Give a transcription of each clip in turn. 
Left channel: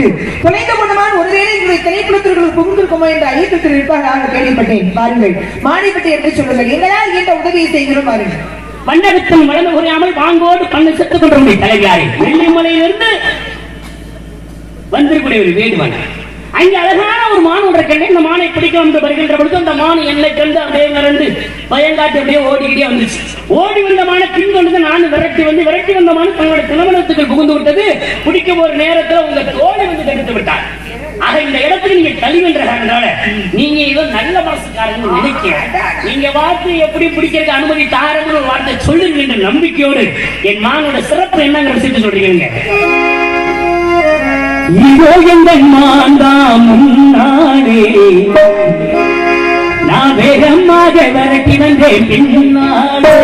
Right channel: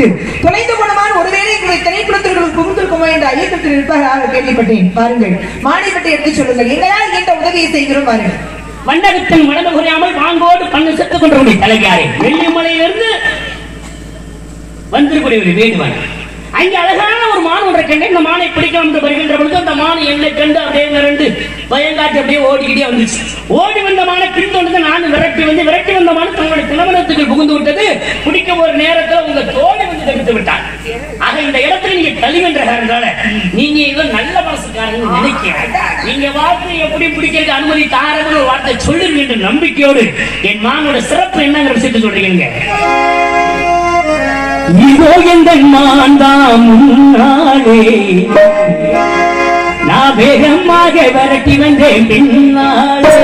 விட்டு தொலைந்த குணமான ஒருவேளை உங்களுடைய திணைப்புலத்திற்குள் புகுந்திருக்குமோ என்ற ஐயத்தில் இருப்பதாக கேள்விப்பட்டேன். பாருங்கள், மானை பற்றி எடுத்து சொல்லுங்கள். எங்களால் எந்த உதவியை செய்கிறோம் பாருங்கள். வண்டகத்தின் வளர்ந்து குறையாமல் பாங்கோடு கண்ணு செத்துக் கொண்டவருடைய தலைவியாரை வெள்ளிமலையிலிருந்து வந்திருக்கூடிய ஒரு வேண்டுவாள். அங்கே அழகான ஒரு மான் ஒன்றை கண்டு இந்த மானை பிடிக்க வந்து வருகின்ற பொழுது அந்த மான் என்னை கண்டு அப்படியே விரண்டு பயங்காட்டு அப்படியே ஓடிக்கிட்டே வந்துச்சு. ஓடி வந்த மானை பின்தொடர்ந்து நான் விரட்டி வந்த மான் தன்னுடைய திருமணத்துக்கு புகுந்து விட்டது. பிடிக்கும் ஒரு நேரத்தில் உங்க தோழி வந்து தடுத்து விட்டார். ஆக இந்த இடத்துல நீங்க கழிவென்ற காரணத்தால நீங்க ஏதோ நல்ல மனசுக்காரங்க நினைக்கிறேன். நீங்க வார்த்தை எப்படி பிடிக்கிறதுக்கு அனுமதி தாரன்னு ஒரு வார்த்தை சொல்லுங்க என்ற நம்பிக்கையோடு என் மானோட சிறப்பு என்னங்கிற விஷயத்தை சொல்றீங்க. இதோ எங்கள் மாந்தான் முன்னாலே நான் வேகமாக விரட்டி வந்தேன் பின்னாலே.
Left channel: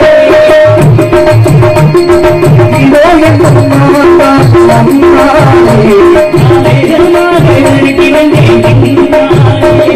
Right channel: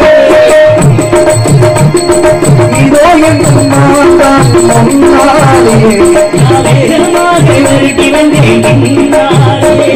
இதோ எங்கள் மாந்தான் முன்னாலே நான் வேகமாக விரட்டி வந்தேன் பின்னாலே.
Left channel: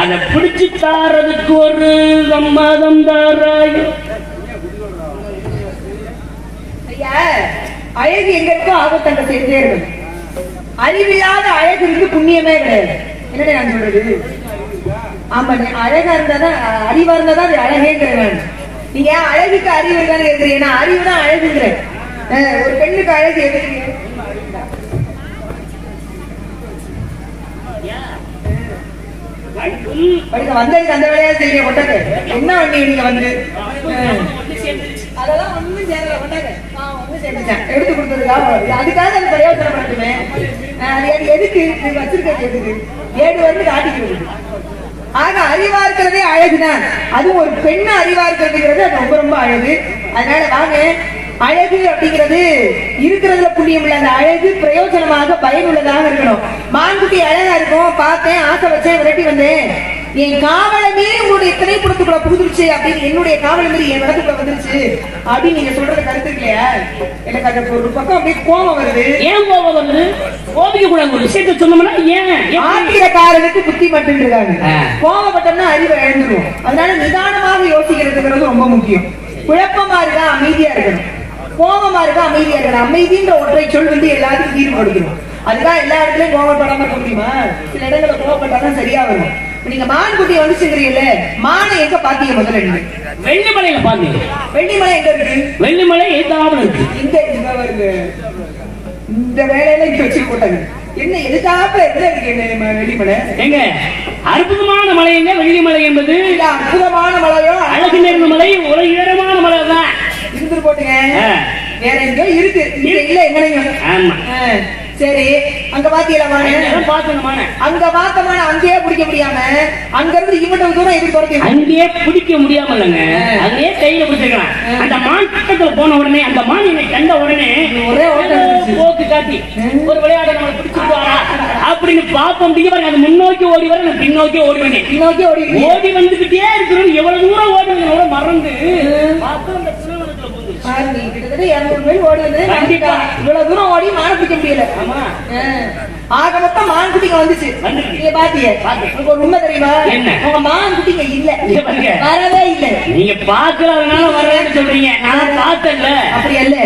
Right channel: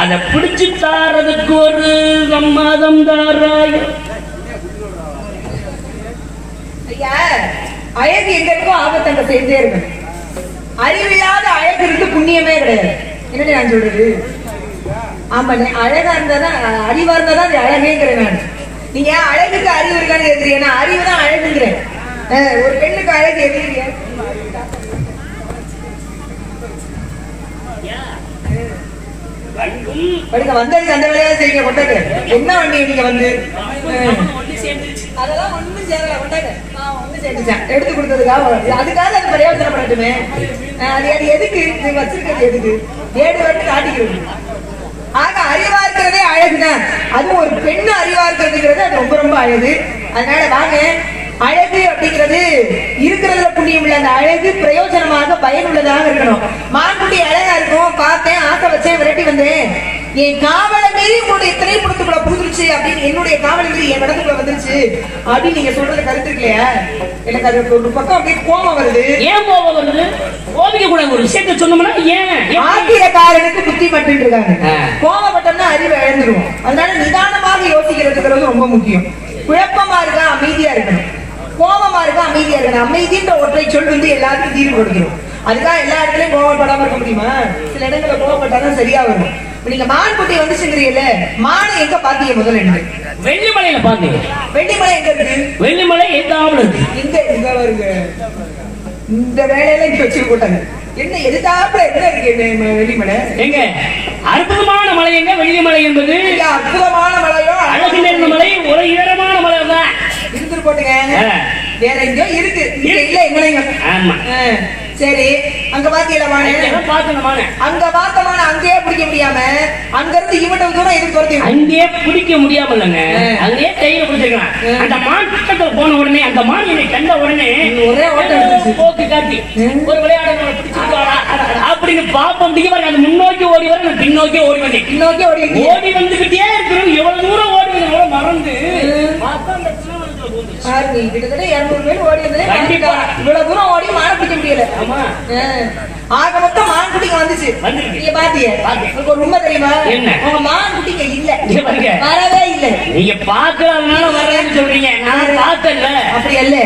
அதை பிடிச்சு தாரதுக்கு ஒரு சம்மதம் தாராய். அழகு எங்களுக்கும் ஆபத்தங்க சேர்ந்தே இருக்கும். அறிவில்லாத அழகு இருந்து புண்ணியமே கிடையாது. என்ன நான் சொல்றது? ஆமா, அழகா இருந்தாதான் அறிவா இருந்தாதான் அது அழகேங்கிறேன். நீங்க அழகுக்கு அறிவு இருக்கான்னு கேட்கிறீங்க. அறிவு தான் அழகுங்கிறேன். ஒரு பெண்ணுக்கு அழகு எதுக்குறீங்க? வந்ததுக்கு அந்த வேலையா செய்ய கொண்டாங்க. என்ன வண்டி நீங்க வந்து அதெல்லாம் ஒண்ணும் சேரல கொண்டாங்க. எடுத்து கொடுத்ததுக்காக அதுக்காக அது பிரயோஜனப்படட்டுமே. அது எதுக்கு வச்சிருக்கிறது? எதுக்கு ஏடு வந்து காட்டிக்கிறது? ஆக அறிவா இருக்கிறதே அழகுதான். அதுவும் ஒரு பெண்ணு அறிவா இருக்கிறதுங்கிறது அது ரொம்ப ரொம்ப அழகு. அதனால வாங்க, அழகு அப்படிங்கிறது இருக்கிறதுல புண்ணியம் இல்ல. அந்த அழகு பிரயோஜனமாக பயனுள்ளதாக இருக்கணும். மான்குட்டி அழகா இருக்கும், பார்த்தேன், ஆசை வச்சேன், விரட்டி வந்தேன். என் காவலை மீறி உங்களுடைய திரைப்படத்துக்குள்ள புகுந்துருச்சு அப்படின்னு, என்னுடைய காவலை மீறி என் இடத்துக்குள்ள வந்துருச்சு அப்படின்னு நீங்க சொல்றது கருத்து இல்லையா? எனக்கு அது ஒரு பக்கம் அப்படியே கோபம் வருது. ஏன் கோபம் வருது? கோபிக்க கூட ஒரு விஷயத்த சொன்னோம்னா ஏன் ஆத்திரக்காரனுக்கு புத்தி மட்டும் இருக்காங்க. கோபப்பட்டோம்னா அறிவு இழந்துரும். அதனால நிதானமாக யோசிக்கிறதுங்கிறது ரொம்ப முக்கியம். குழப்பமா இருக்கா, அமைதியா இருக்கணும். கோபமா இருக்கா, அமைதியா இருக்கணும். அமைதின்ற ஒற்றை சொல் வந்து எல்லாத்துக்கும் தீர்வு கொடுத்துரும். அதுக்காக எல்லா இடத்துலயும் கோபப்படாம இருக்க முடியுமா? சில இடங்களை கோபப்பட்டாதான் சரியா வரும். நீங்க மான்குட்டி வந்துச்சுங்கிறீங்கல்ல, மானை எங்க பாத்தீங்க? முதல்ல நீங்க வெள்ளிமலையில பாத்தீங்க. வெள்ளிமலை எங்க இருக்கு? வெள்ளிமலை எதாவும் இருக்கு. இங்க வருங்க. இந்த வேலையில இங்க வச்சு போட்டாங்க. என்ன எதுக்காக என்ன இருக்கு வெள்ளிமலை? எங்க அற்புதமான மலைங்க வெள்ளிமலை என்பது. அற்புதமான மலையோ அழகு நிறைந்த மலை, ஒரு இடமான மலை தான். இருந்து போட்டுங்க. வேற எங்கோ இருக்கு, இல்ல எங்களையும். ஆமா, சரி. அங்க பாத்தீங்களா? அங்க பார்த்தமான அங்கேயே பிடிக்க முடியாம அங்க இருந்து இவ்வளவு தூரம் இது துரத்தி அங்கேயே பிடிக்க முடியாம இல்லைங்க, அங்கேயே கையில பிடிச்சிருக்கான். அந்த மான் பக்கத்துல போன உடனே அந்த மான் என்னை கண்ட உடனே ஒரே ஓட்டம் போக்கு காட்டி ஒரு விளையாட நம்மளை பிடிச்சிருக்காரா அப்படின்னு பார்ப்போம். அது முன்னோக்கி ஓடி வர, பின்னோக்கி ஓடி வந்தேன். பின்னோக்கி ஓடி கிட்டத்தட்ட 200 மைல் ஓடி இவ்வளவு தூரம் ஓடி மான் பிடிக்க முடியல. ஆக மொத்தம் மான் குட்டிக்கு வந்துச்சு. நீங்க பாத்தீங்க, உங்களுக்கு ஒரு உண்மை தெரியுமா? உங்க மான் குட்டிங்க இல்ல, வரவே இல்ல. நீங்க பாக்குறதுனால வரவேன்னு சொல்றீங்க, நான் பார்த்தேன்ல. அப்படி இல்ல,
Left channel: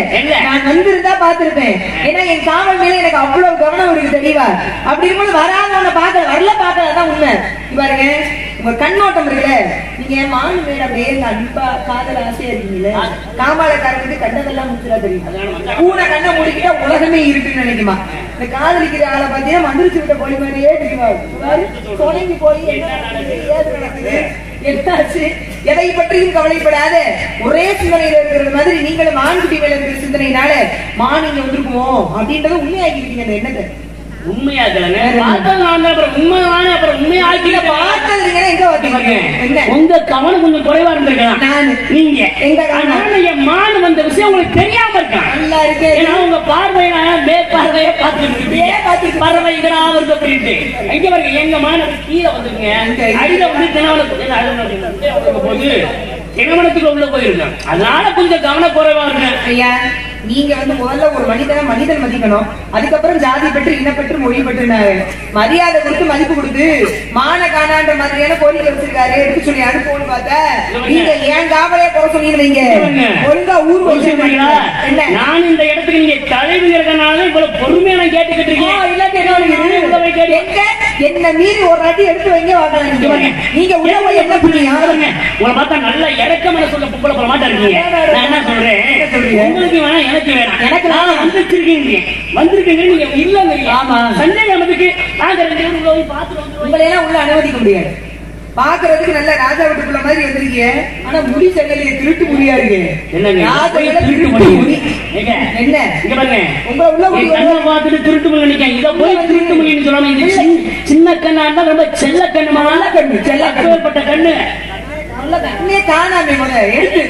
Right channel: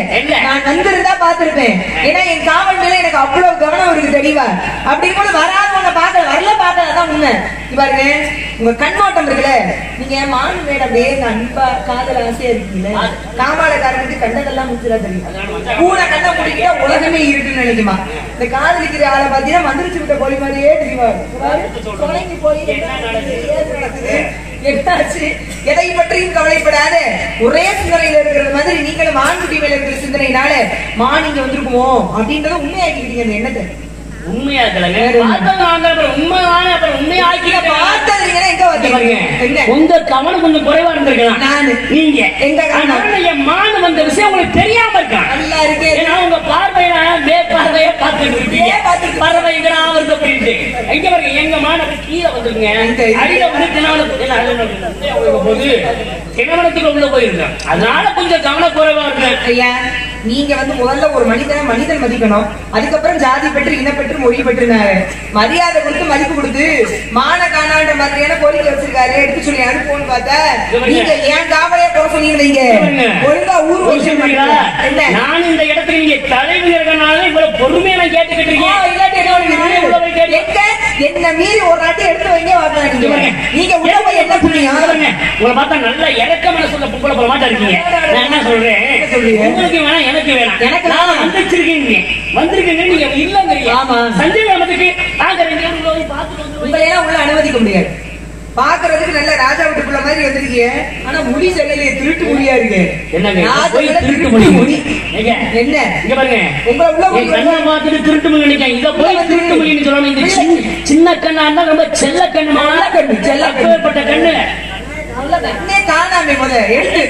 நான் வந்திருந்தா பாத்திருப்பேன். ஏன்னா என் காவல் மேல எனக்கு அவ்வளவு கவனம் இருக்கு தெரியவா. அப்படி இருக்கும்போது வராதவங்க பாக்கல, வரல பாக்கிறதான் உண்மை. பாருங்க, உங்க கண்ணோட்டம் இருக்குல்ல, நீங்க மான் மேல அப்படியே அன்பா காதல் ஆசையா இருக்கீங்கல்ல, காமாலக்காரனுக்கு கண்டதெல்லாம் முச்சுரா தெரியும். பூனை கண்ணை முடிக்கிட்டா உலகமே இருக்குன்னு நினைக்குமா? இந்த காதலிக்கிற ஆளை பாத்தீங்கன்னா மந்திரிச்சு விட்ட கோழி மாதிரியே தெரியுவாரு. தொடங்கி போய் என்ன நடக்குது, என்னாச்சு, எதை பற்றியும் கவலைப்படாத ஒரே சிந்தனையில இருக்கிறது மாதிரி நீங்களும் மான்குட்டி மேல இருக்கிற சிந்தனையினால மான் இங்க வந்திருக்குமோ அப்படின்றத உண்மையாக்கிக்கிட்டீங்க. அந்த எண்ணத்தை உங்க கவனம் கொஞ்சம் குறைவா இருந்திருக்கலாம். நீங்க எங்க மாடு வந்த விஷயம் உங்களுக்கு தெரியாம இருக்கான். நல்லா இருக்கு. உங்க பார்வையில மேற்பார்வையை பார்த்துட்டு இருக்கீங்க. பறவைகளா வருது அப்படின்ட்டு எங்க வருங்க, எங்க மாணவ கீழே வந்துருங்க. அடியில வந்து திருமணத்துக்கு உள்ள போயிருக்கேன். அதனால கொஞ்சம் கவன குறைவா இருக்கு. ஐயா, நீங்க வந்து முதல்ல ஒரு மனிதன் மதிக்கணும். அதுக்கப்புறம் ஜாதி பெற்று இனப்பெற்று மொழி பெற்று மரியாதை கொடுத்து மதிப்பு கொடுத்து மான காணான்ற மாதிரியான கோரிக்கை வச்சிருக்காரு. எடுத்து சொல்லி அனுப்புவோம்னு பார்த்தா நீங்க ஏன் காவலே போக சொன்னீங்க. ஒழுங்கா ஊர் வச்சிருக்கீங்களா என்ன? நான் இந்த இடத்துக்கு நீங்க தலைவி இருக்கனால இவ்வளவு பொறுமையா கேட்டுக்கிட்டு இருக்கீங்க. என்ன மீறி ஒரு வாட்டி எடுத்து வைங்க வாங்க. நீங்க உடம்பு என்ன புரியும்? உங்களை பார்த்தா நல்ல இறக்கமான சொல்ல பொம்பளை போல மாட்டா இருக்கீங்க. நான் என்ன சொல்றேன், உங்களுக்கு வேணா எனக்கு வேணாம். எனக்கு வந்திருக்கீங்க நீங்க இல்ல. ஆமா, சந்தேகம் நமக்கு நாங்க 2 பேரும் போய் பார்த்துட்டு உங்களை எல்லாம் உங்களை அனுமதிக்க முடியாது. பாக்குறதுக்கு நல்ல ராஜா வீட்டுக்குள்ள மாதிரி வந்திருக்கீங்க. ஆனா முடி சரியில்லை, திருட்டு முடியா இருக்கு. என்ன உங்களை பார்த்துட்டு திருட்டு முடி நினைக்க, இதை போய் திருட்டு முடின்னு சொல்லாம இந்த சின்ன கண்ணா இருந்தா ரொம்ப செல்ல கண்ணு, மழை கண்ணு, செல்ல கண்ணுப்பட்ட கண்ணு காணாம எடுத்து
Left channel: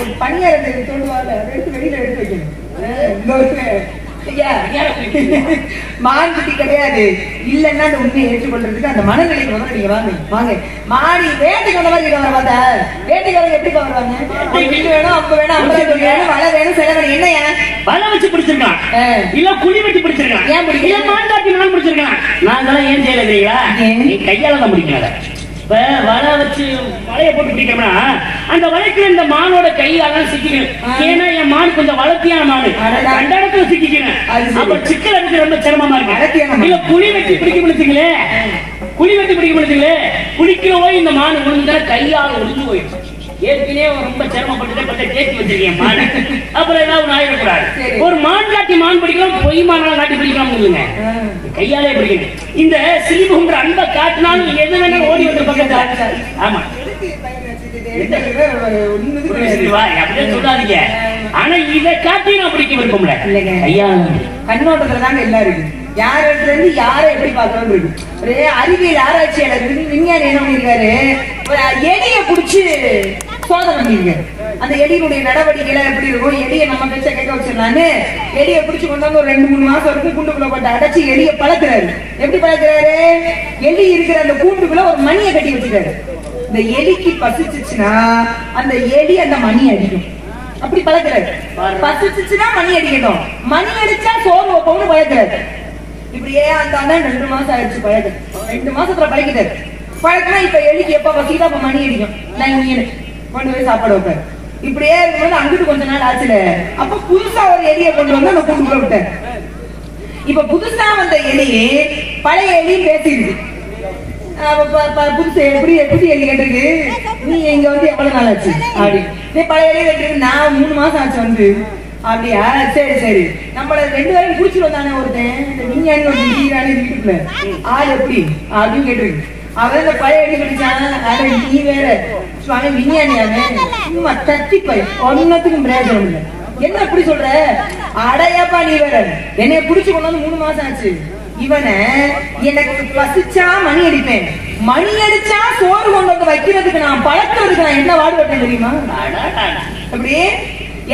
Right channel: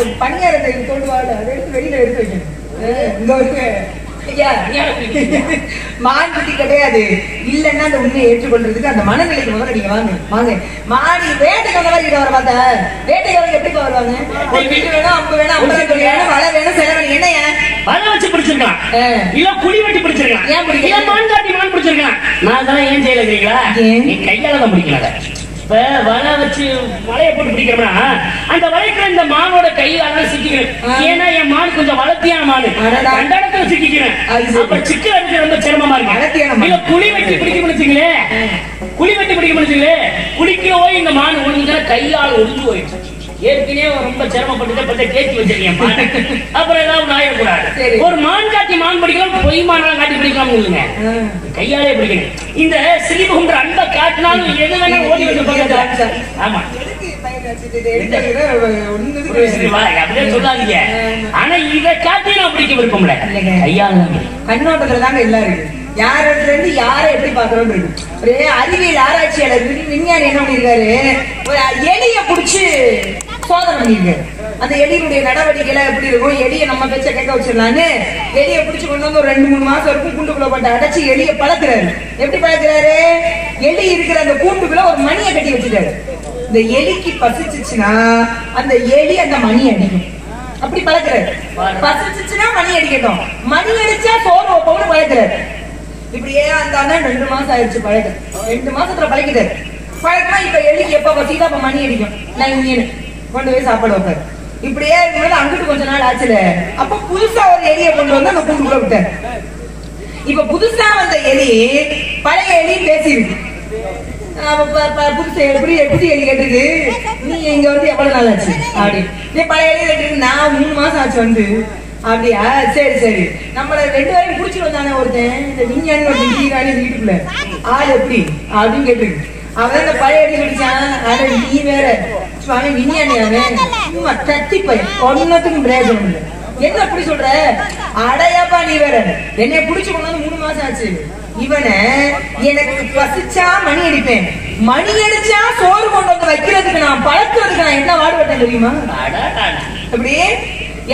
ஒரு பணியாரத்தை கொண்டு வாங்க, அதை எடுத்து வெளியில எடுத்து வைக்கணும். மான்குட்டி கிடையாது இல்லன்னா அந்த உண்மையை ஏற்றுக்கொள்றதுக்கு அந்த மனநிலை முதல்ல நீங்க வாங்க. மாடி வேட்டைக்கு வந்த மாதிரி வர பார்த்தா வேட்டைக்கு எப்படி வருவாங்க? வேணும், அப்ப வேணும், அப்ப வேணும், வலை வேணும், செலவு வேணும். என்னையா வலை வச்சு பிடிச்சிருக்கான், இல்ல குழி வெட்டி பிடிச்சிருக்கான், ஏன் பிடிக்கல? மான்காட்டி மான் பிடிச்சிருக்கான். நான் அதெல்லாம் ஏன் செய்யல இல்லையா? நீ கையால தான் பிடிக்கல. வலை வச்சு வலையை போட்டு பிடிக்கிறோம்னா அந்த வலைக்குள்ள இந்த மானோட கையால சிக்கிக்கிறேன். ஏன்னா என் மான் கொஞ்சம் வளர்த்தியான மாடு, அந்த இடத்துல சிக்கிக்கிறேன். அப்ப சிக்கல் எனக்கு ரொம்ப சிரமமா இருக்கு. இல்ல குழி வெட்டி பிடிக்க முடிச்சுங்களே, குளிக்கவோ இந்த மான் ஒழுங்கா கையால ஒழுங்கு போயிடுச்சு. ஏற்கனவே ரொம்ப சிரமப்பட்டு தேக்கி வச்சிருக்கேன் மாடு. அப்புறம் ஏதாவது ஆயிடக்கூடாது. ஒரு மான் காட்டி மான் பிடிக்கணும், பொய் மானா காட்டி பிடிக்காம இருக்குங்க, கையாலே பிடிக்கணும். இந்த சிலிபுங்கிற அன்பை காட்டினாலும் எது வேணும் ஓடி வந்து பக்கத்துல. ஆமா, அப்படியே சொல்லாதீங்க. ஆனா இதை காட்டி நான் பிடிக்க விருப்பம்ல. கையால கண்ணோட்டத்துலதாங்க எல்லாம் இருக்கு. யார் இடத்துல இருந்து யாரை எப்படி பாக்கணும் இருக்கு. ஒரு அறிவியல் ஆராய்ச்சியாளர் விஞ்ஞானி என்ன பண்ணிருக்காரு, எலிய புடிச்சு சோதனை பண்ணிருக்காரு. அந்த எலியுடைய நடவடிக்கை எப்படி இருக்கும், எலியை நம்ம பேச்ச கேட்க வச்சிடலான்னு எலிய புடிச்சு கொண்டு வந்து ஒரு 2-3 மாசம் வரைக்கும் கூண்டுக்குள்ள போட்டு அடைச்சு எலிய பழக்கிறாரு. எப்படி பழக்கிறாரு? எலி இருக்கிற அந்த கூண்டுக்குள்ள ஒரு மணியை கட்டி வச்சுட்டாரு. இந்த எலிக்கு பசிச்சுச்சுன்னா அந்த எலி அந்த மணி அடிக்கும். அப்படி பழக்கிறாரு. பசிச்சுச்சுன்னா மணி அடிக்கட்டும், மணி அடிச்சா சோறு வைப்போம்னு பழக்கிறாரு. இப்படியே அந்த 2 மாசம் ஆயிடுச்சு பழக்க. 2 மாசத்துல பழக்கிட்டாரு. பழக்கினா இப்ப எலிக்கு எப்ப பசிக்குதோ அப்ப மணி அடிக்கும். நான் கொண்டு போய் சாப்பாடு வைப்பாரு. இப்படியே இருக்கும்போது அங்கிட்டு கொஞ்ச நாள் ஆச்சுல, அப்ப புதுசா ஒரு எலியை கொண்டு வந்து அந்த கூண்டுக்குள்ள விட்டாரு. இப்ப புதுசா வந்த எலி பழைய எலியும் பேசிருக்கு. புதுசு எப்படி எலி கேட்டிருக்கு, நீ இங்க வந்து எவ்வளவு நாள் ஆச்சு அப்படி. நீ பழைய எலி கேட்டிருக்கு, நான் 3 மாசம் ஆச்சு வந்து. அப்படியா, சரி நம்மள 2 பேரையும் குடிச்சு வந்தானே ஒருத்தன், இந்த விஞ்ஞானி வீட்டுக்குள்ள ஆள் எப்படி அப்படின்னு கேட்டிருக்கு. அவன் இந்த பழைய எலி கடிச்சான். நீ வேற விஞ்ஞானியாவே சும்மா தட்டி போய் ஒன்னத்துக்கும் பிரயோஜனம் இல்லை. என்ன அப்படி சொல்ற? அடையாப்பா நீ வேற என்னைய புடிச்சு கொண்டு வந்து 3 மாசம் ஆச்சு. இவனை எனக்கு பசிச்சா மணி அடிப்பேன், மணி அடிச்சா சோறு கொண்டு வந்து வைக்கிறதுக்கு நான் பழக்கிறதுக்கு நான் என்ன வாடுபட்டேன் தெரியுமா? அப்படி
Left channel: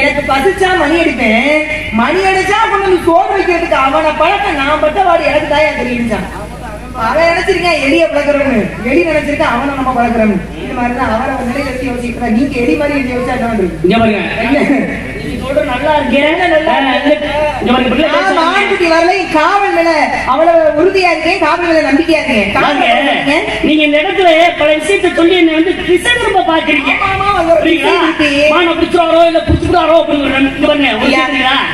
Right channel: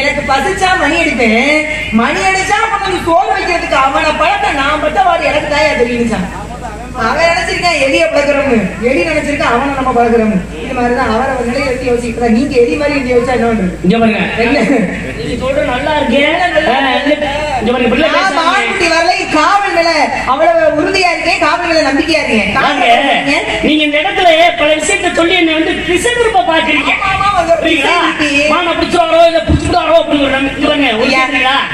எனக்கு பசிச்சா மணி அடிப்பேன், மணி அடிச்சா கொண்டு வந்து சோறு வைக்கிறதுக்கு அவனை பழக்க நான் பட்ட வாடு எனக்கு தாயா தெரியுச்சான். அவன் நினைச்சிருக்கேன் எலிய பழக்கிறவனு, எலி நினைச்சிருக்கேன் அவனை நம்ம பழக்கிறவனு. வீட்டு மாதிரிதான் அவரை வந்து எழுதி யோசிக்கிறா. நீங்க எலி மாதிரி எழுதி யோசிச்சா என்ன நீங்க சொல்ற நல்லா இருக்கேன். ஆண்குட்டி வரல காவல் மேல அவ்வளவு உறுதியா இருக்கேன், காவல் மேல நம்பிக்கையா இருக்கேன். நீங்க இந்த இடத்துல பல விஷயத்தை சொல்லி என்ன வந்து பிசைந்து பாக்குறீங்க.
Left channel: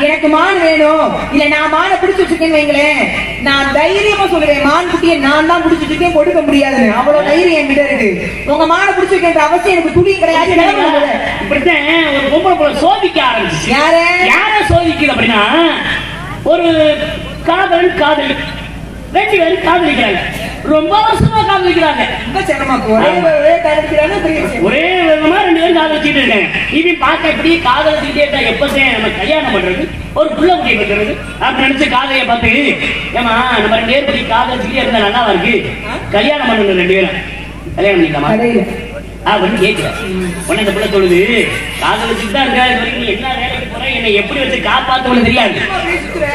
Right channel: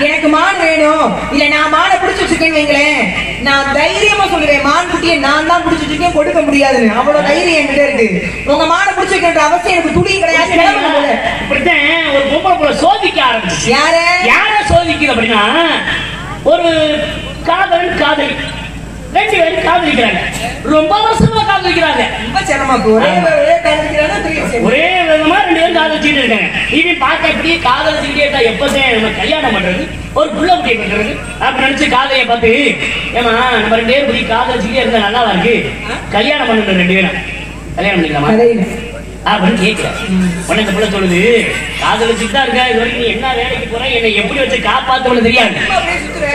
எனக்கு மான் வேணும் இல்ல, நான் மானை பிடிச்சு வச்சிருக்கேன் வைங்களேன், நான் தைரியமா சொல்லுவேன் மான் குட்டியை நான் தான் பிடிச்சு வச்சிருக்கேன், கொடுக்க முடியாதுன்னு. அவ்வளவு தைரியம் என்கிட்ட இருக்கு. உங்க மானை பிடிச்சு வைக்கின்ற அவசியம் எனக்கு துளி கிடையாது. ஒரு பொம்பளை போல சோதிக்க ஆரம்பிச்சு. யார சோதிக்குது அப்படின்னா, ஒரு காதலன் காதலி ரெண்டு பேரும் காதலிக்கிறாங்க, ரொம்ப வருஷமா காதலிக்கிறாங்க. ரொம்ப சிரமம். ஒரே விதமா ரெண்டு பேரும் காதலிச்சுட்டு இருக்காங்க. இது பார்க்க எப்படி காதலிச்சுக்கிட்டே எப்பதான் நம்ம கல்யாணம் பண்றது, ஒரு புள்ள குட்டி இருக்கிறது அப்படி நினைச்சு காதலியை பார்த்து, ஏமா நம்ம ரெண்டு பேரும் இப்படி காதலிச்சுக்கிட்டே இருந்தா நல்லா இருக்கு, கல்யாணம் பண்ணணும் ரெண்டு பேரும் கல்யாணம் பண்ணிக்கலாமா அப்படின்னு கேட்கிறேன். உடனே அந்த பிள்ளை சொல்லுது, காதலிச்சுட்டு தான் இருக்க, இது வரைக்கும் நீ என்ன வேலைக்கு போற, என்னை எப்படி வச்சு காப்பாத்துறது தெரியாது,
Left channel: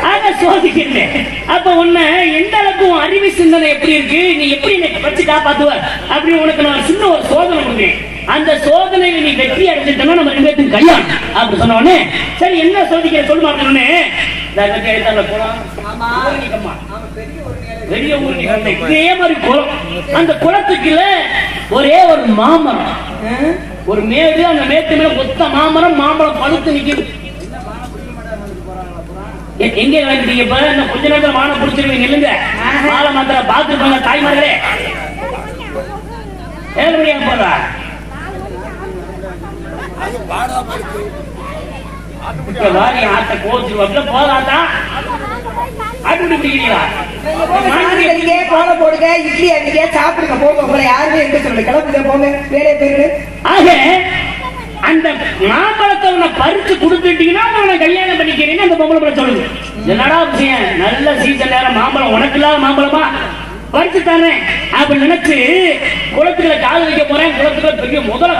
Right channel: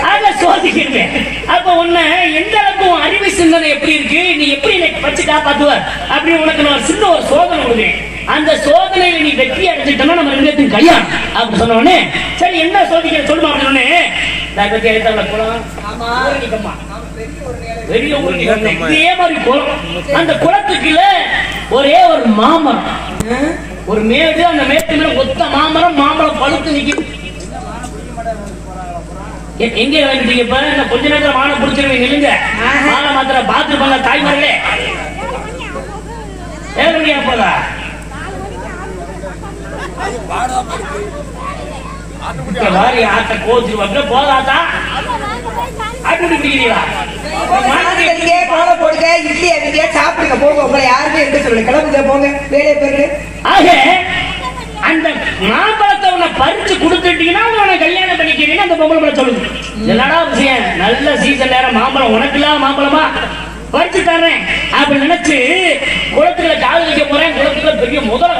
அத சோதிக்கிறேன். அப்ப உன்ன எந்த அளவுக்கு அறிவு சிந்தனை எப்படி இருக்கு, நீ எப்படி என்னை வச்சு காப்பாத்துவ அப்படி உனக்கு நான் சின்ன ஒரு சோதனை கொடுக்கிறேன். அந்த சோதனையை நீ வெற்றி அடைஞ்சிட்டோம்னா நம்ம ரெண்டு பேரும் கல்யாணம் அப்படி சொன்ன உடனே, சரி என்ன சோதிக்கிற சொல்லுமா அப்படின்னு பெரிய ஊருக்கு சொன்னேன். இதே மாதிரி குளம், அந்த குளத்துக்குள்ள ஒரே ஒரு மாமரம், ஒரு மேடு, அந்த மேட்டுல ஒத்த மாமரம், மாமரம் பழுத்து நிக்கும். எங்க வேண்டிய கொஞ்ச நேரத்தில் மாலை பிடிச்சிருவீங்க, இல்லைங்க மாலை மாத்திர பாத்துருப்பாங்க தாய்மார்களே. என்னுடைய ஆட்ட போச்சு போதாதா அப்படி பிடிக்கிறீங்களா? போடுங்க, இட்லி அடிக்க சாப்பிடுங்க, போங்க, உங்களை யாருமே எடுக்க சொல்லு, கிளம்புங்க போங்க, வேலையை பெருக்கு. ஆக அந்த மாம்பழத்தை உன்னை பறிச்சு கொடுத்துட்டீங்கன்னா அவனை கல்யாணம் பண்ணிக்கிறீங்க. அந்த பொம்பளை சொல்லுது, என்னடா விஷயம், நல்ல சீசன் நேரம் மாம்பழம், உனக்கு இல்லாத மாம்பழமா பறிச்சுட்டானே அப்படி நினைச்சு குளத்துல கால் வைக்க போறேன். குளத்துல பெரிய முதல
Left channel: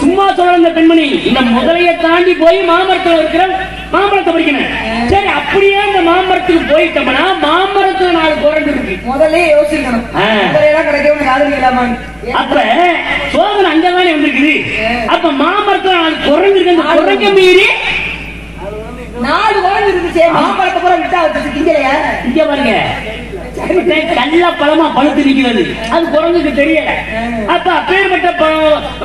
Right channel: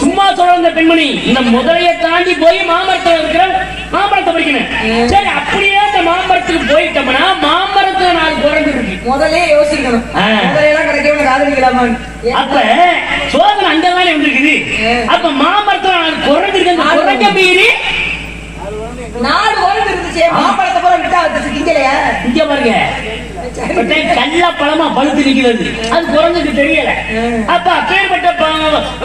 சும்மா சொல்ற அந்த பெண்மணி இந்த முதலையை தாண்டி போய் மாமரத்தில் இருக்கிற மாம்பழத்தை பிடிக்கணும். சரி, அப்படியே அந்த மாமரத்துக்கு போயிட்டோம்னா மாமரத்துல 4 குரங்கு இருக்கு. முதலே யோசிக்கணும், அப்ப சோதனை அங்கதானே வந்திருக்குது. அப்ப மாமரத்துல 4 குரங்கு இருக்கு. இந்த குரங்க மீறி 4 குரங்கு இருந்துச்சு. மாம்பழத்தை பூரா விட்டா திங்கலையா? இங்க பாருங்க, கல்லா பழமா பழுத்து நிக்கிறது, அது குரங்குக்கு தெரியல. அப்ப அப்பேற்பட்ட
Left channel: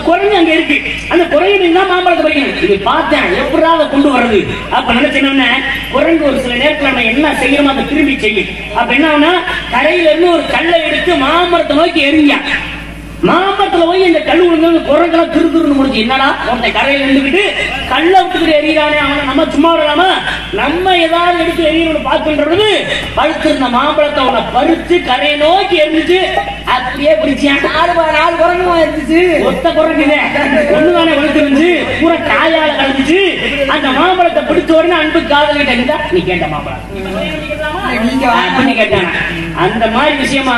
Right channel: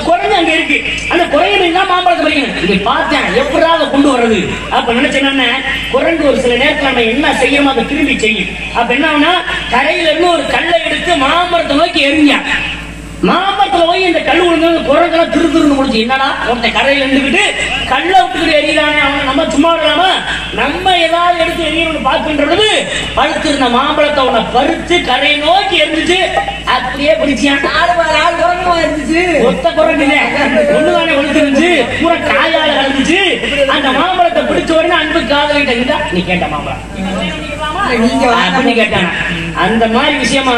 குரங்கு அங்க இருக்கு. அந்த குரங்கு மாம்பழத்தை பறிக்கணும். இது பார்த்தேன், எப்படாத கொண்டு வர்றது அப்ப நினைச்சேன்னா, குரங்கு ஒரு சில நேரத்தில் நம்ம என்ன செய்யறோமோ அதை திரும்பி செய்யும். அப்ப என்ன கரையில இருந்து ஒரு கல்லை எடுத்து மாமரத்தை நோக்கி எறிஞ்ச, மாமரத்துல போய் இந்த கல் விழுந்து குரங்குல திருத்துருந்து முடிச்சு. என்னடா ஒருத்த கரையில இருந்துகிட்டு கல்ல விட்டுக்கிட்டு எறிகிறானே, அவனை நம்ம சும்மா விடலாம, நம்ம ஏதாவது எடுத்து எரியணும்னு பார்க்கின்றது. பழுத்திருந்த மாம்பழத்தை அவனை பறித்து கரையை நோக்கி எரிஞ்சிச்சு. அப்படியே பிடிச்சான். 4 குரங்குமா இருந்துச்சு. ஒத்த குரங்கு ஒண்ணுதானே வளர்த்துருந்துச்சு, பூரா காயால வளர்ந்துச்சு. அந்த மாம்பழத்தை பிடிச்ச உடனே அன்பு காதலிட்ட இருந்தா, நீ கேட்ட மாம்பழம் நீங்க கேட்டான். அந்த மாதிரி விஷயமா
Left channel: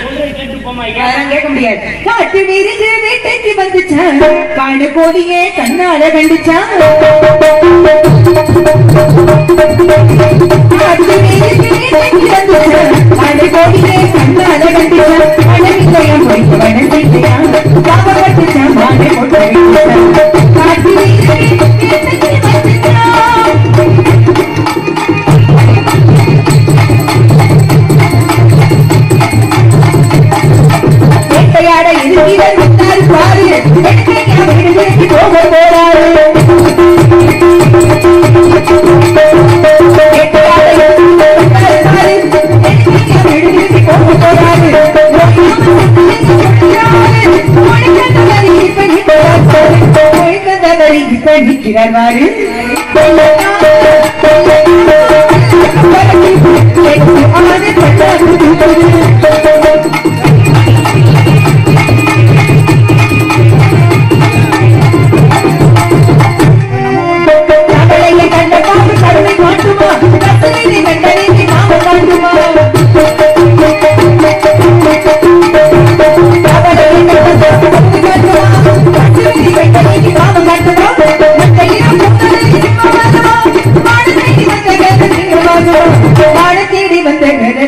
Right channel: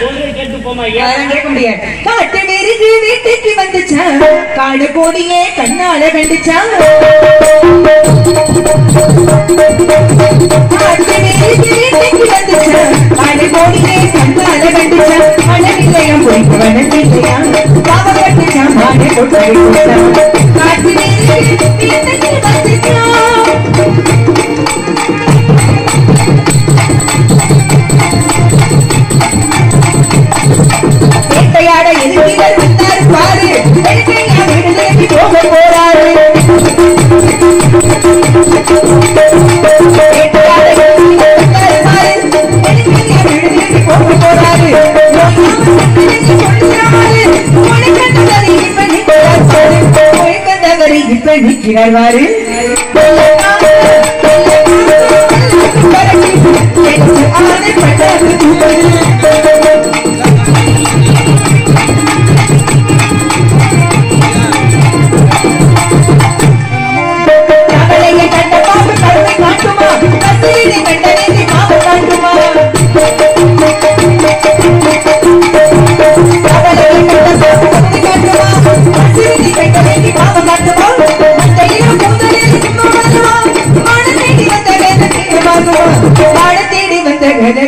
சொல்றது கேட்டு போமா, கேட்க முடியாது. காட்டு விரிஞ்சு வீட்டுக்கு வந்துச்சான், காடு கோடியே கண்ணால கண்டிச்சான்.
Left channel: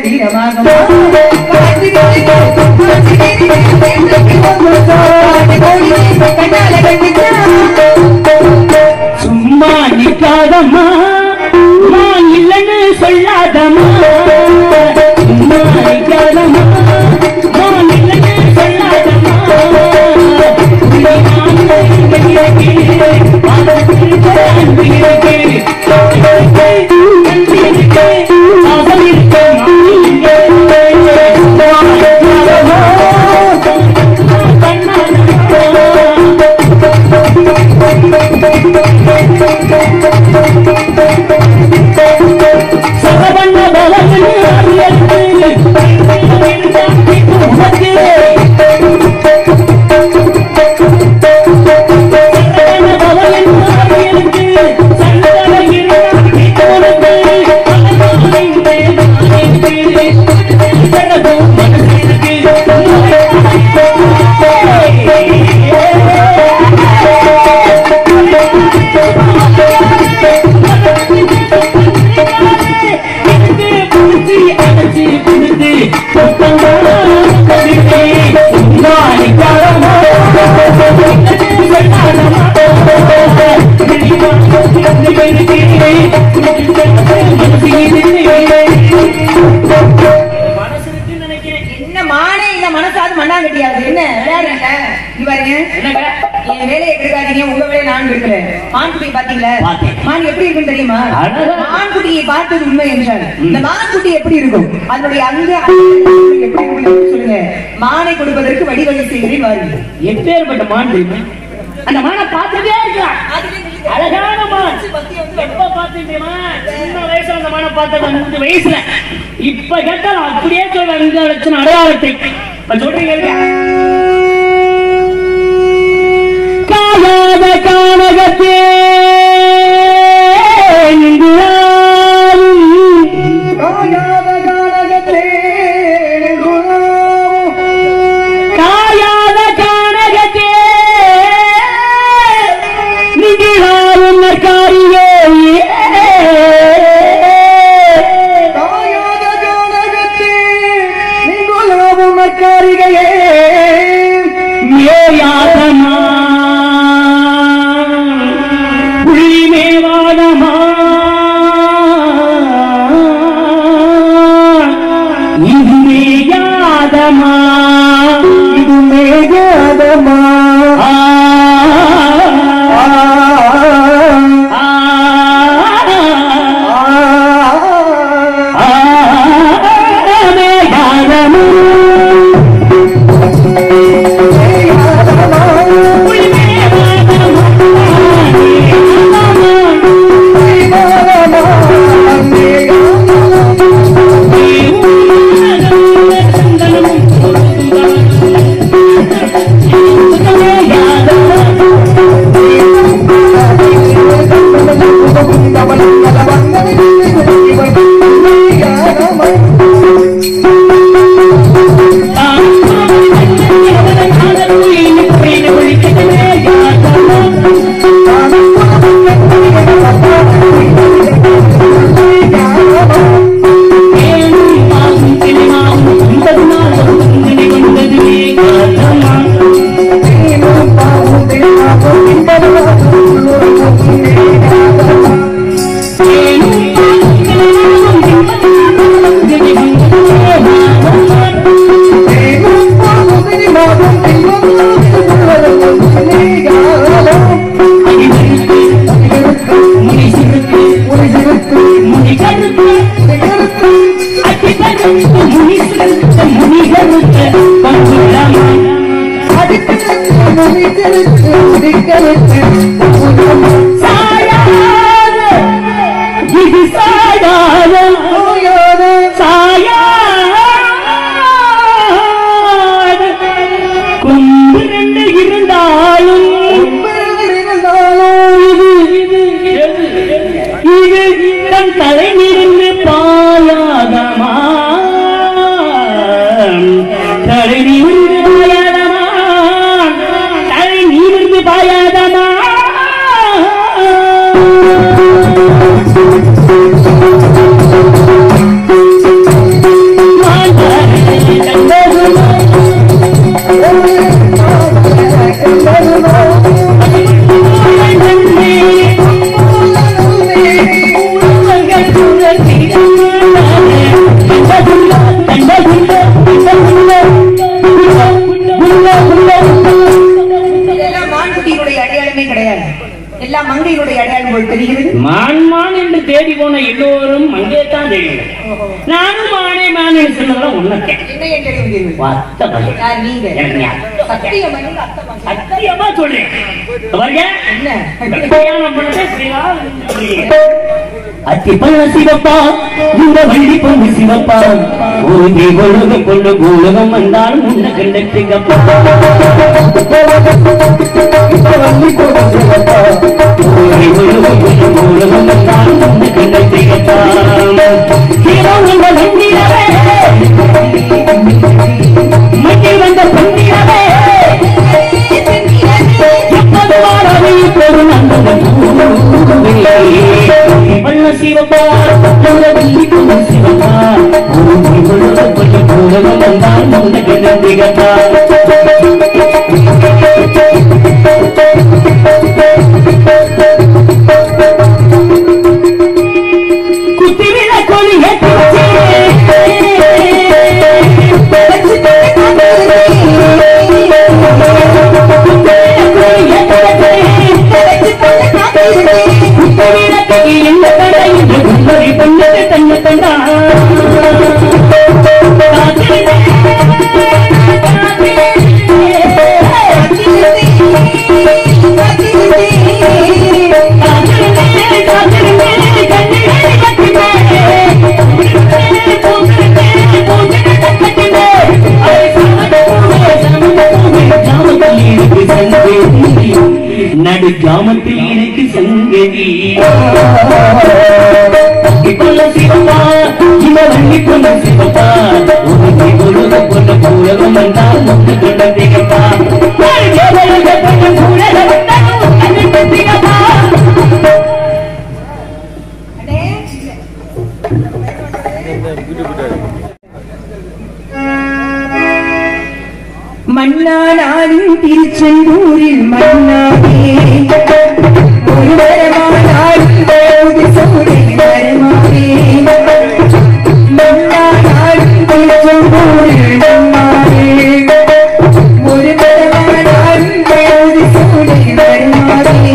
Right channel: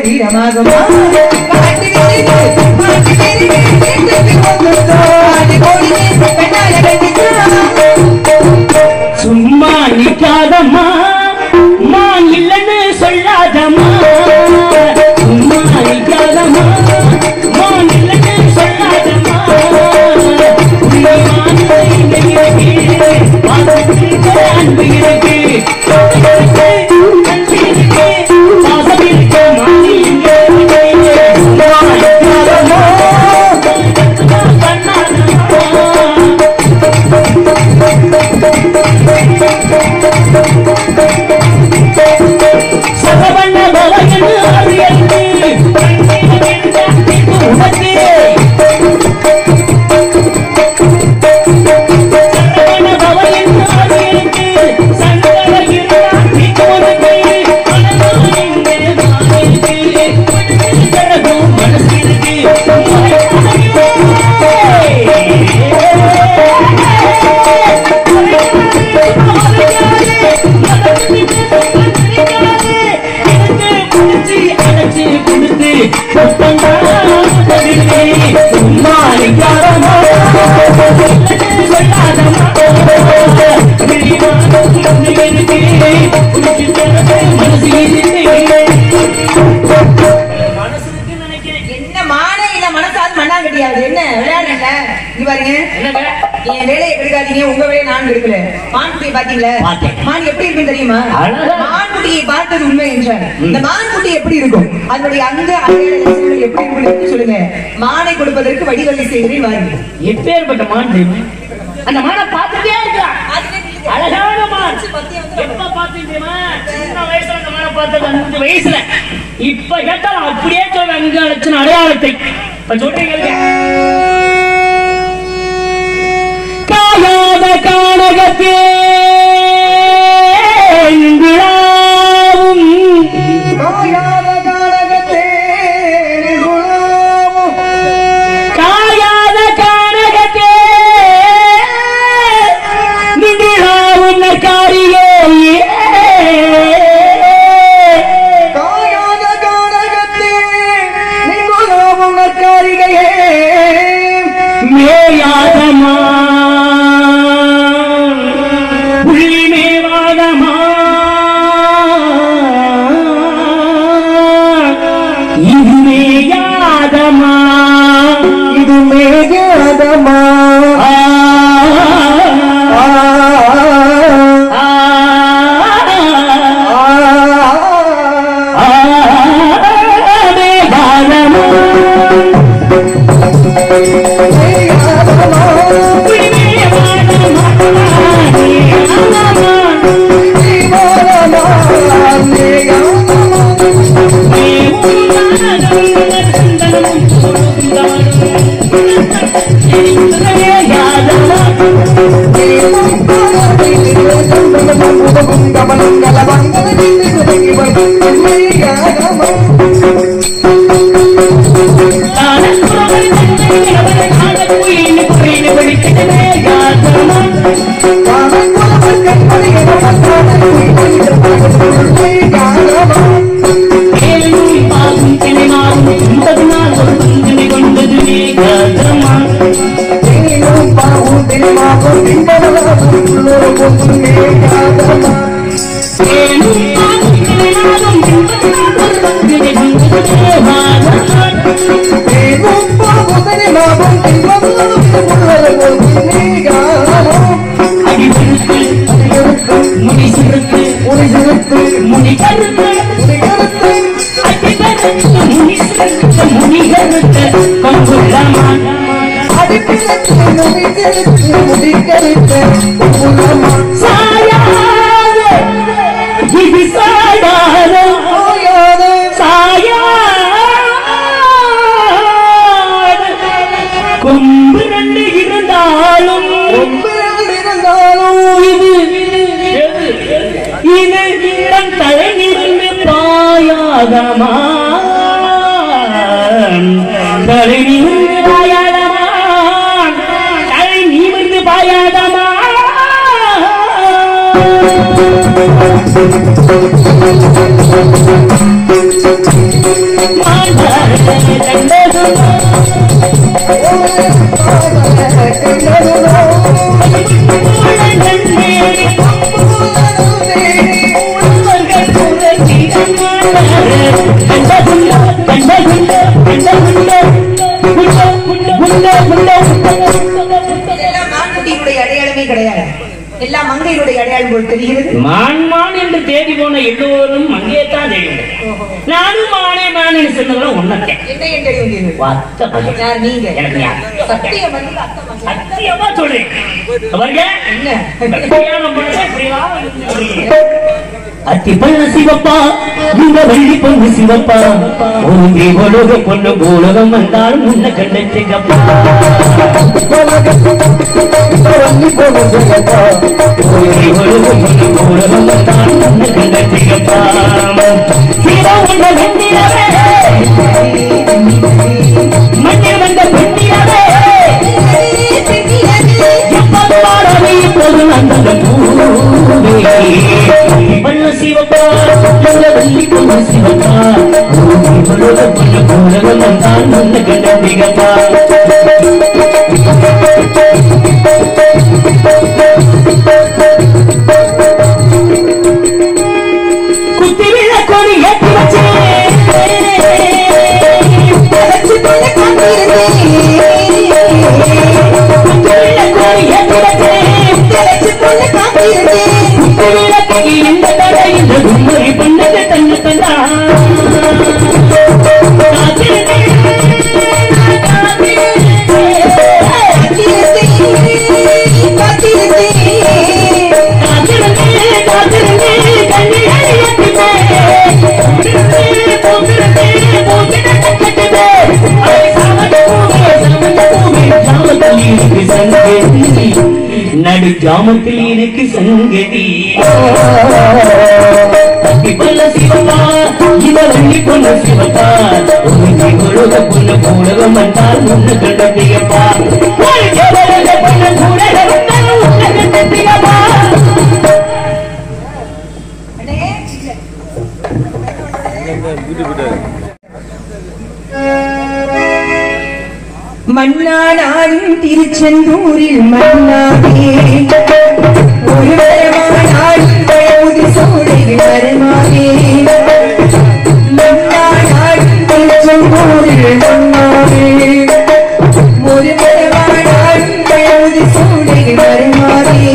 வீர பாருங்க என் வேலையை எடுக்காதீங்க, உங்க வேலையை நான் எடுக்கிறேன். மான்குட்டியை பாத்தீங்களா? மான் எப்படி இருக்குன்னு தெரியுமா? மான்குட்டியை பார்த்தது உண்மை என்றால் இந்த மான்குட்டி எப்படி இருக்கும், அதனுடைய அங்க எப்படி இருக்கும் சொல்லுங்க. மானை கொடுப்பதற்கு வழிவகை செய்கிறேன் வாருங்க. எப்பேற்பட்ட மான் தெரியுமா? அந்த மானை பார்த்துட்டே இருக்கலாம். அழகான மான். எப்ப பார்த்தேன் தெரியுமா? சின்ன வயசுல அந்த மானை பார்த்தது 5 வயசுல. இப்ப கேட்டால் அப்படியே சொல்ற அங்க வச்சு அடையாளத்தை சொல்றீங்க. சிவப்பா இந்த வெள்ளி பொண்ணு சிவப்பா ஒரு தீபலோக கொண்ட பூலகம் வந்தாலும் இந்த கண்ட சிகப்பா வெள்ளி பொண்ணு சிவப்பா ஒரு தீபலோக கொண்ட பூலகம் வந்தாலும் இந்த கண்ட சிகப்பா குத்தி விளக்கொலி ஏற்றி இருக்கு சங்கதி நடு ஜாமத்தில் இருக்கு சங்கதி இப்பொல்ல சிவத்தா இவரங்கி கொண்ட சிவத்தா உனக்கு உலக பொண்ண உலகம் நான் ஒன்று கடமையப்பா மன்னானாலும் திருச்செந்தூரில் மன்னாரே ஒரு வரமானாலும் தேவதி சூழலில் வரமானே மன்னானாலும் திருச்செந்தூரில் மன்னாரே ஒரு வரமானாலும் தேவதி சூழலில் வரமானே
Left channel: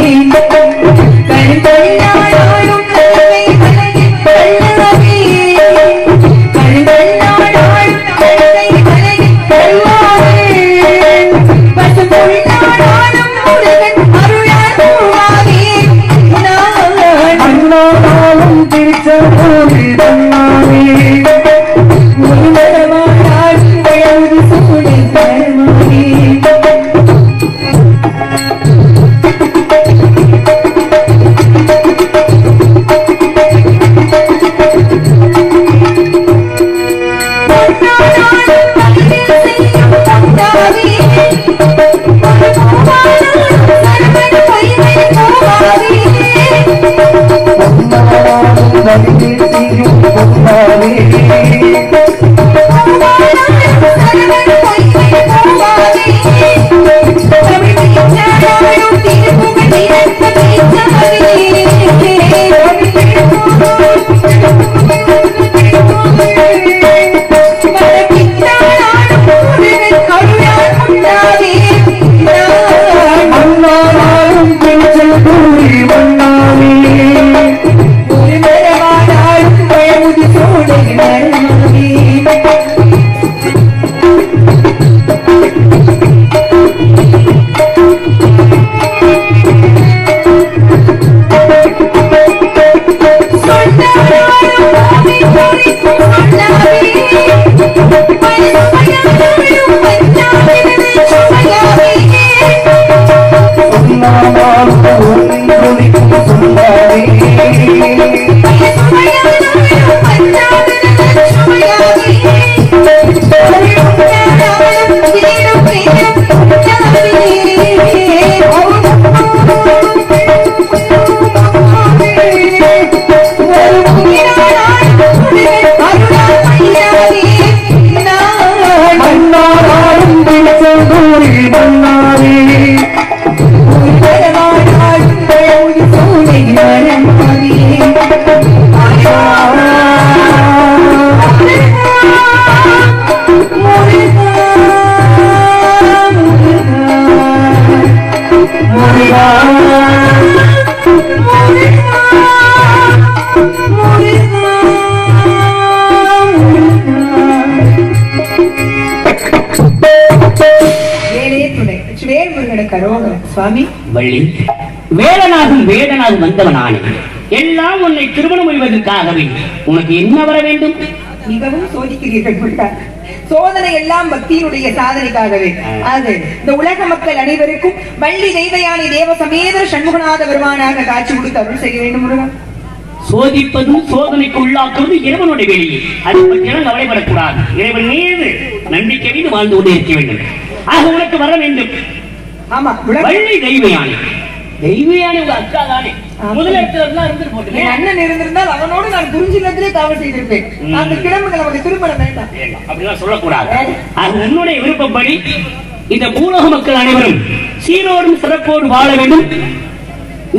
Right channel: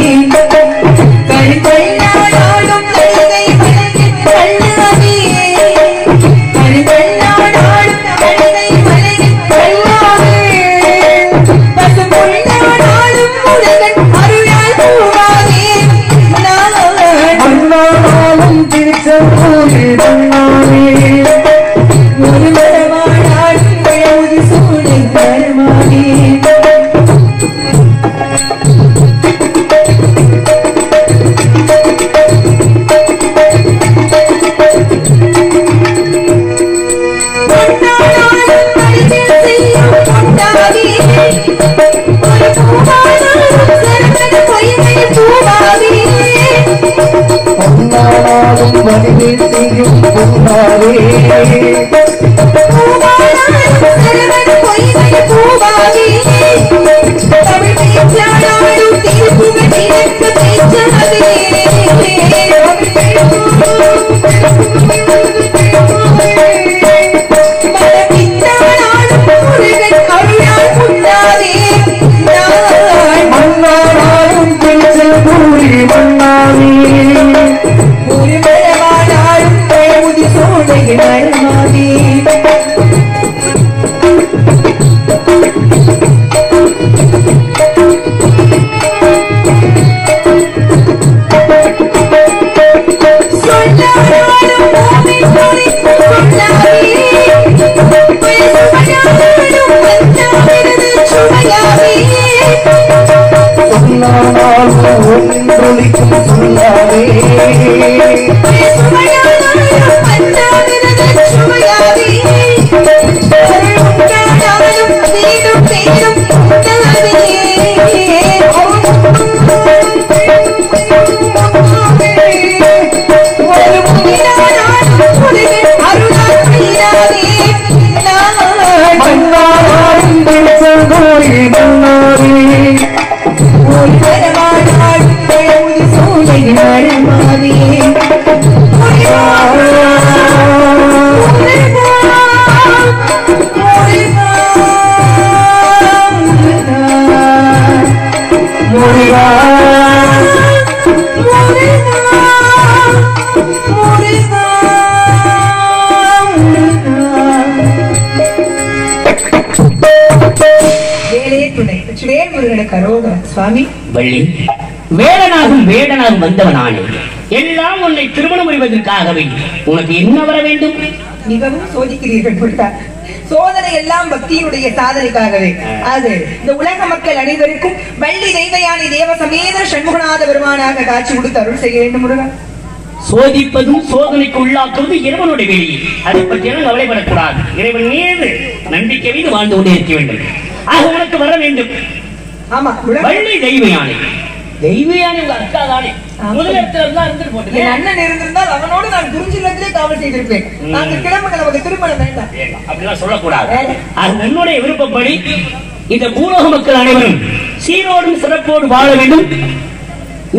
கருங்கல்லானாலும் வேடனாக வந்தவனானே எல்லாம் உன்னை திருமணம் செய்வதற்காகவே உனக்கு என்ன வர வேண்டும்? மிகவும் சோதிக்கிறீர்கள். சோதனை எல்லாம் பக்தியுடைய சாதனைக்காகவே. அது இந்த உலக மக்கள் அனைவருக்கும் வள்ளி தெய்வயானி தேவ சமேத சண்முகநாத பெருமானாக காட்சி கொடுத்து அருள் செய்ய வேண்டும். முருகன் சோதிப்பதும் சோதனைக்கு உள்ளாக்குவது இறைவனுடைய வெளியே. அதை பற்றியெல்லாம் கவலைப்படக்கூடாது. இறைவன் மீது நம்பிக்கை வைத்து வாழ்ந்து கொண்டே இருக்க வேண்டும். அது உனக்கு வர வேண்டும். ஆமா, வள்ளி தெய்வயானி தெய்வயானி அக்கா தானே. அண்ணன் இருந்திருந்தால் அவனோடு நான் குறிஞ்சிலத்திலே காவல் செய்திருப்பேன். நாங்கள் கிளம்புங்க, நமக்கு திருமணம் வேண்டாம் அப்படிலாம் சொல்லக்கூடாது. உன்னுடைய விருப்பப்படி இந்த பூலோக மக்கள் அனைவரும் சீரோடும் சிறப்போடு வாழ வேண்டும்.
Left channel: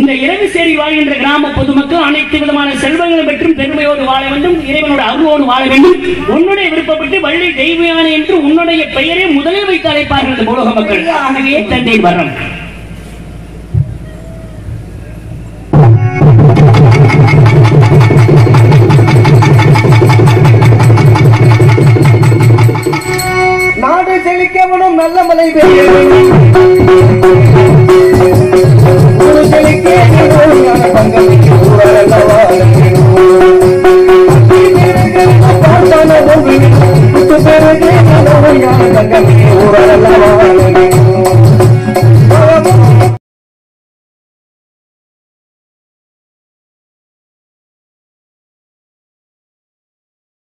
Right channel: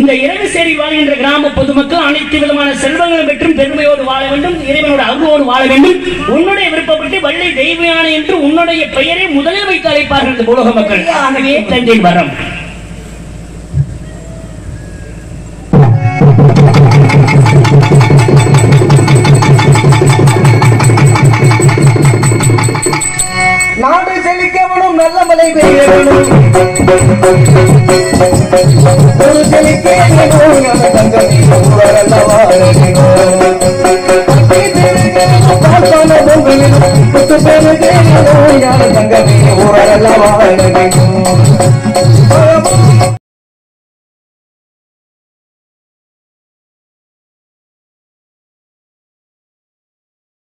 இந்த இரவு சேரி வாழ்கின்ற கிராம பொதுமக்கள் அனைத்து விதமான செல்வங்கள் பெற்றும் பெருமையோடு வாழ வேண்டும். இறைவனோட அருளோடு வாழ வேண்டும். உன்னுடைய விருப்பப்பட்டு வள்ளி தெய்வயானி என்று உன்னுடைய பெயரை முதலே வைத்து அழைப்பார்கள் இந்த பூலோக மக்கள். ஆகவே தந்தை வரம். நாடு செழிக்கவனும் நல்ல மழை பெய்ய